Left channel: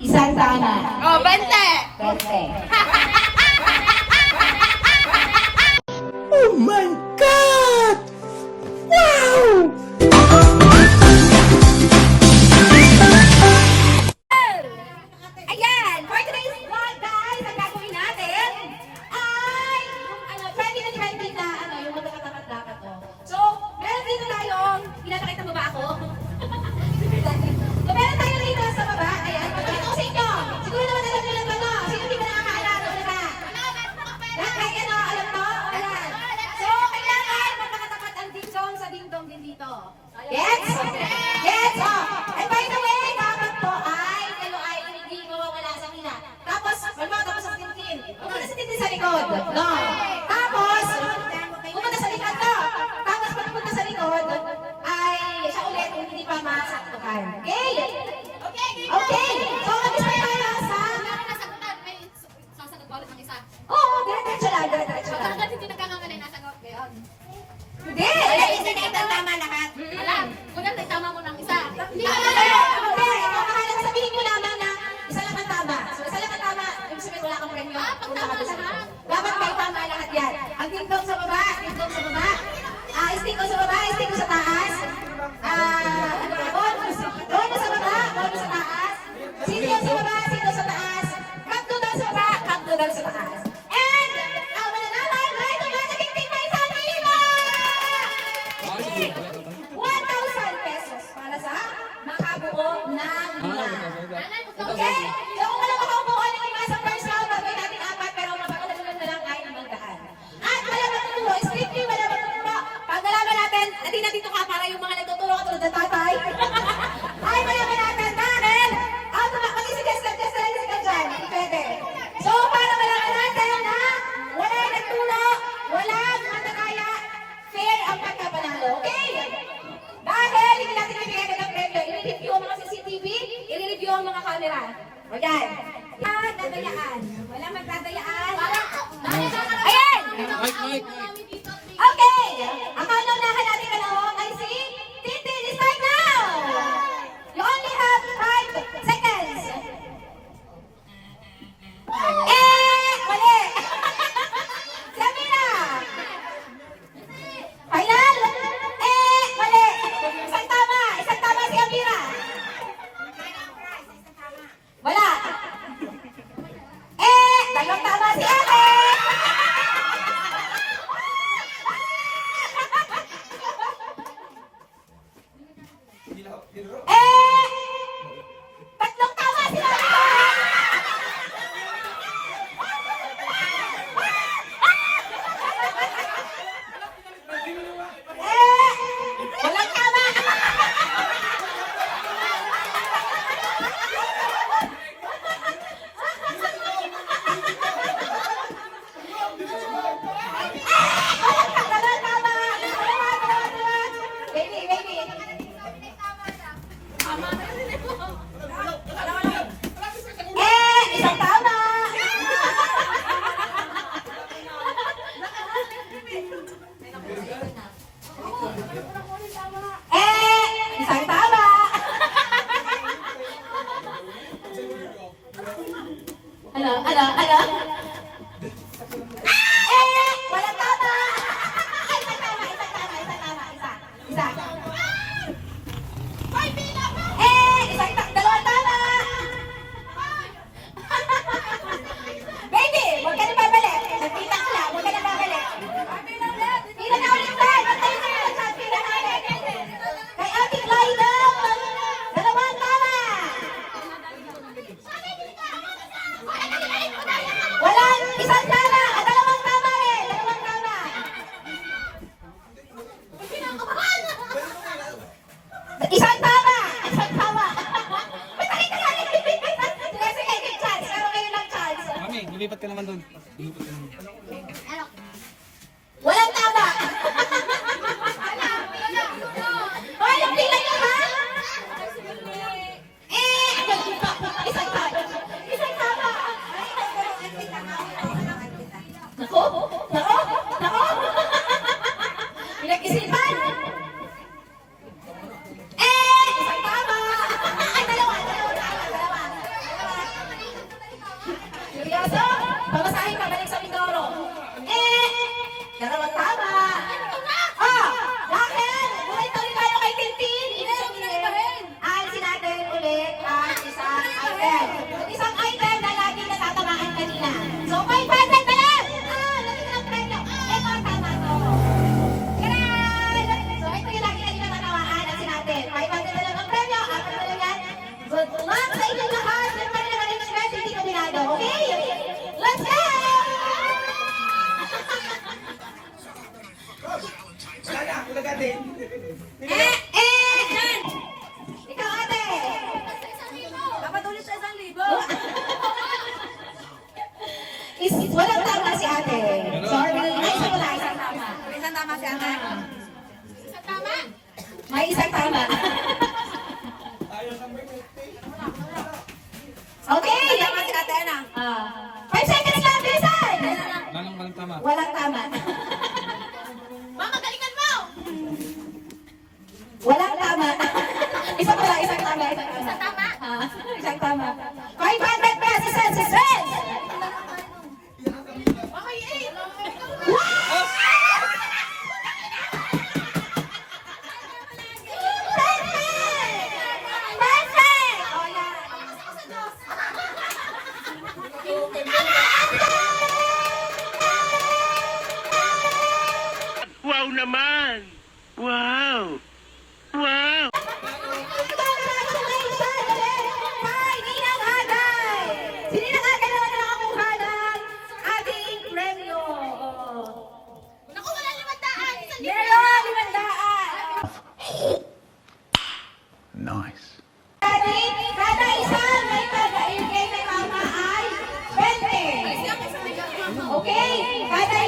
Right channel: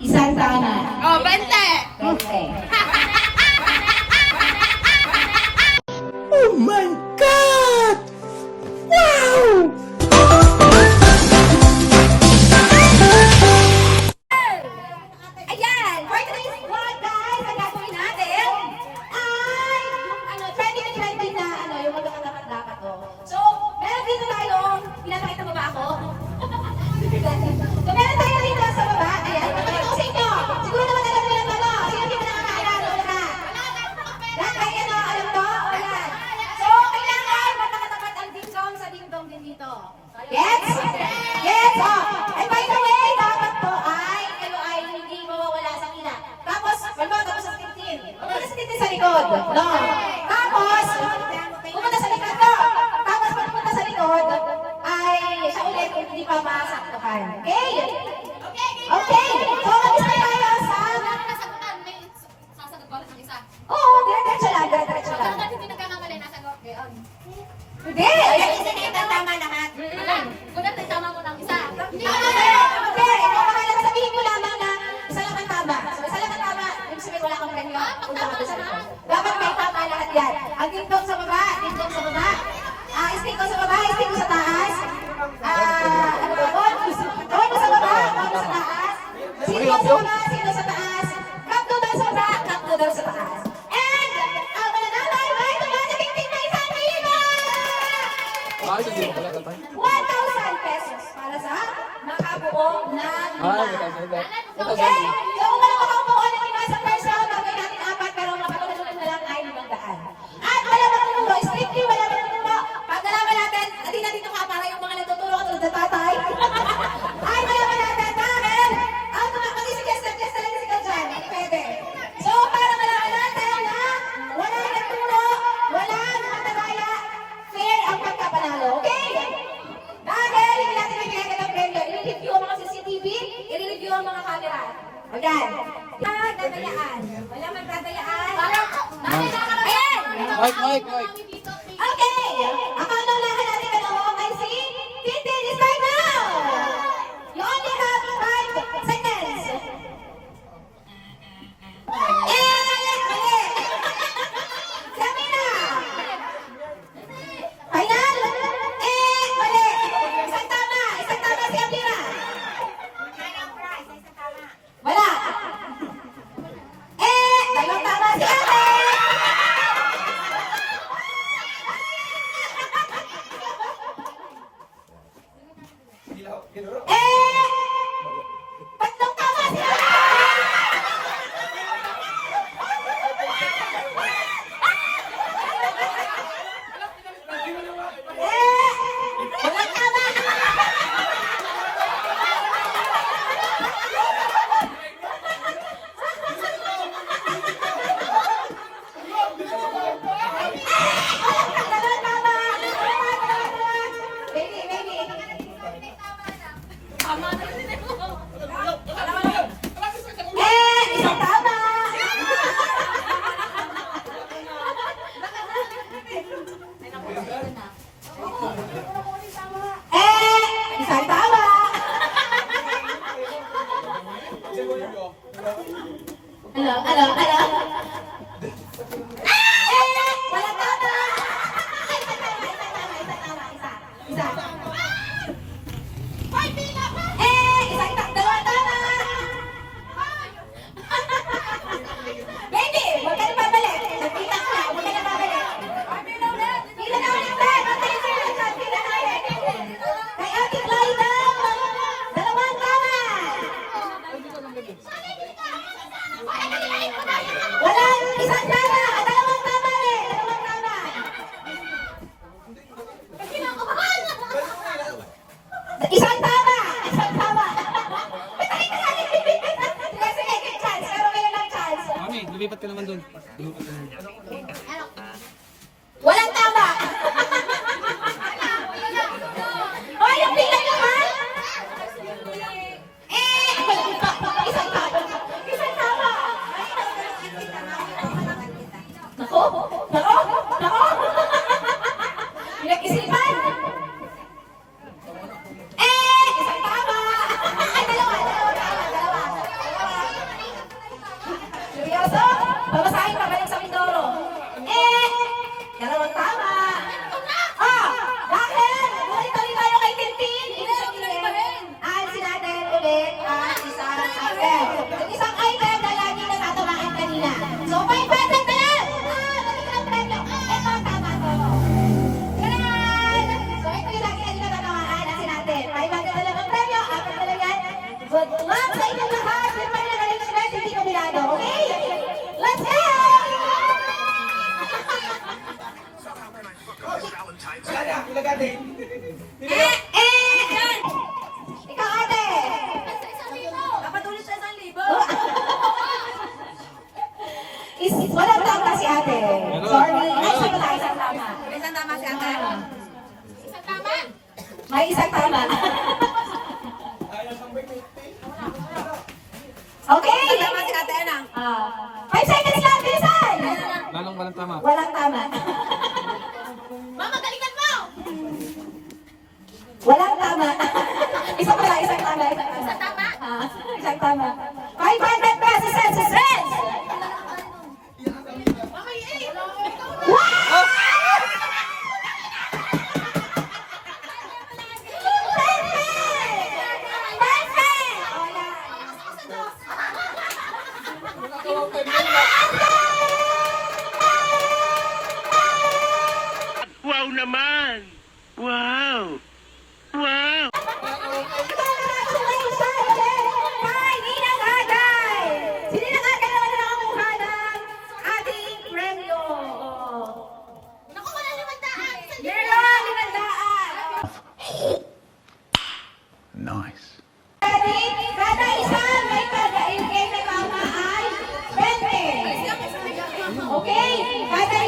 Isang sana. Oh, bante! Bante. Amen. Okay. Gracias. Isang sana! Dalawang tama rin! Dalawang tama! Isang tama! Isang tama! Patay ka lang! Sige, sige, chance. Meron kayo ng chance. Mami, lumipat ka naman doon. Lumipat ka naman. Ano? Tama si ate. Sorry. Isang tama, isang tama. Isang tama si ate. Isang tama. May isang tama. Okay. Tama si ate, ano? Ah. Five seconds lang, bilisan. Lalong walang tama. Walang tama. Mama, galingan mo! Walang Agay! Si Ninang Agay naman na nakakuha ng ating premyo. Naku, wala limandaan. Meron, limandaan. Nice. Ready? Kada isa may pag-ibigay na tama ay 20. Okay? Kada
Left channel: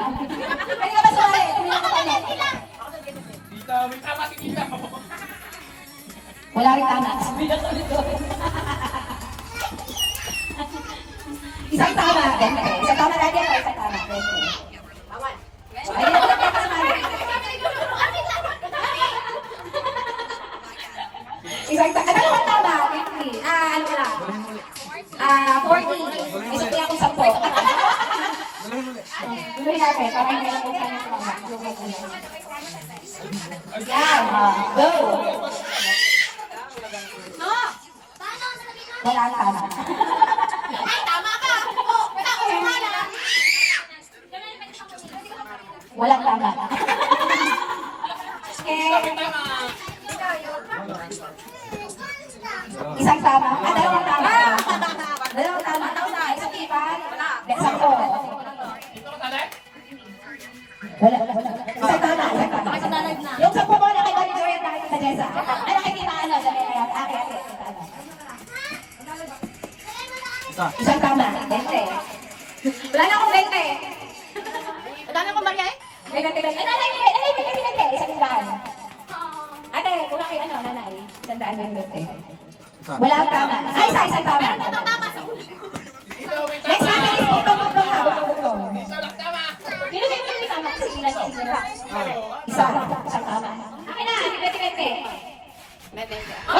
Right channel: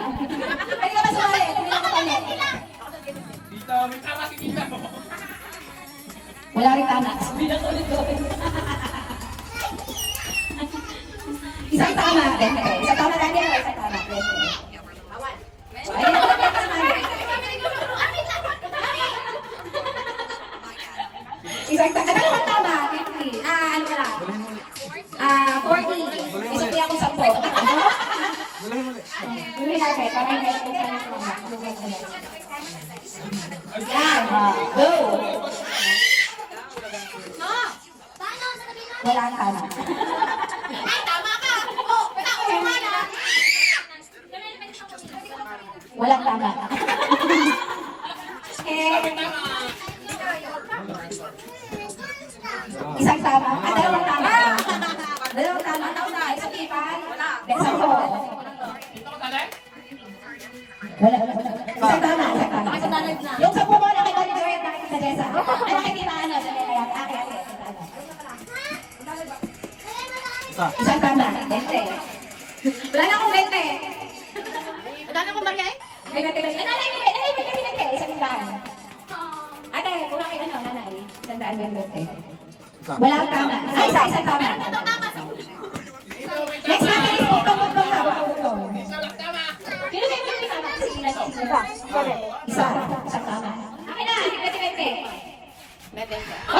Wala tama. Pwede ka ba sumali? Hindi na sumali. Wala rin tama. Isang tama. 20. Isang tama lagi ako. Isang tama. 20. Ay, hindi naman pwede sumali. Isang tama. Ano naman tama? 50. Ah, ano ka lang? Ah, 40. Isang kaya akong 10. Tuloy natin. Para hindi lang kung saan yung tama. Yan. ah, Go. No. Wala tama. Ay, tama ka. Oh, tao, wala. Walang tama. Isang tama. Ah, dalawang tama. Dalawang tama. Isang ipan. Isang total. Wala. Isang tama. Isang tama. Yung sa pumo na kay Bali Joy at nakikita Nessa. Ay, nakikita ano, sa media. Ate, ate. Isa. Isang tama. Bente. Wala na akong bente. Wala na kong bagay? May bente, bente. Ay, nanay, nanay, nanay, bente, bente. Isang daan. Ate, kung kayo ano, nanay. Isang daan yung bente. Isa. Wala akong tama. Isa, isa, isang tama. Tama sa una. Next natin, butong, butong na, butong, butong. Yun yung bente, tama. Sige, ilan, sige, ilan. Isa, isang tama. Akin na, bente, bente. Hoy, di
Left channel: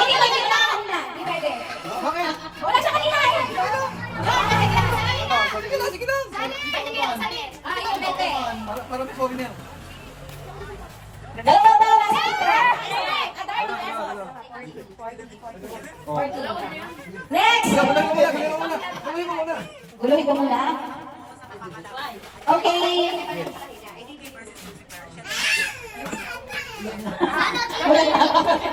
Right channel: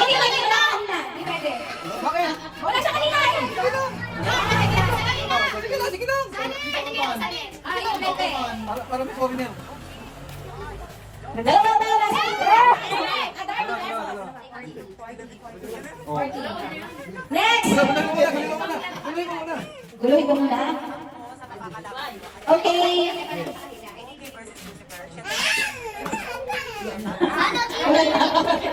guluhin mo muna. Guluhin mo muna. Guluhin ko muna. Okay. Na.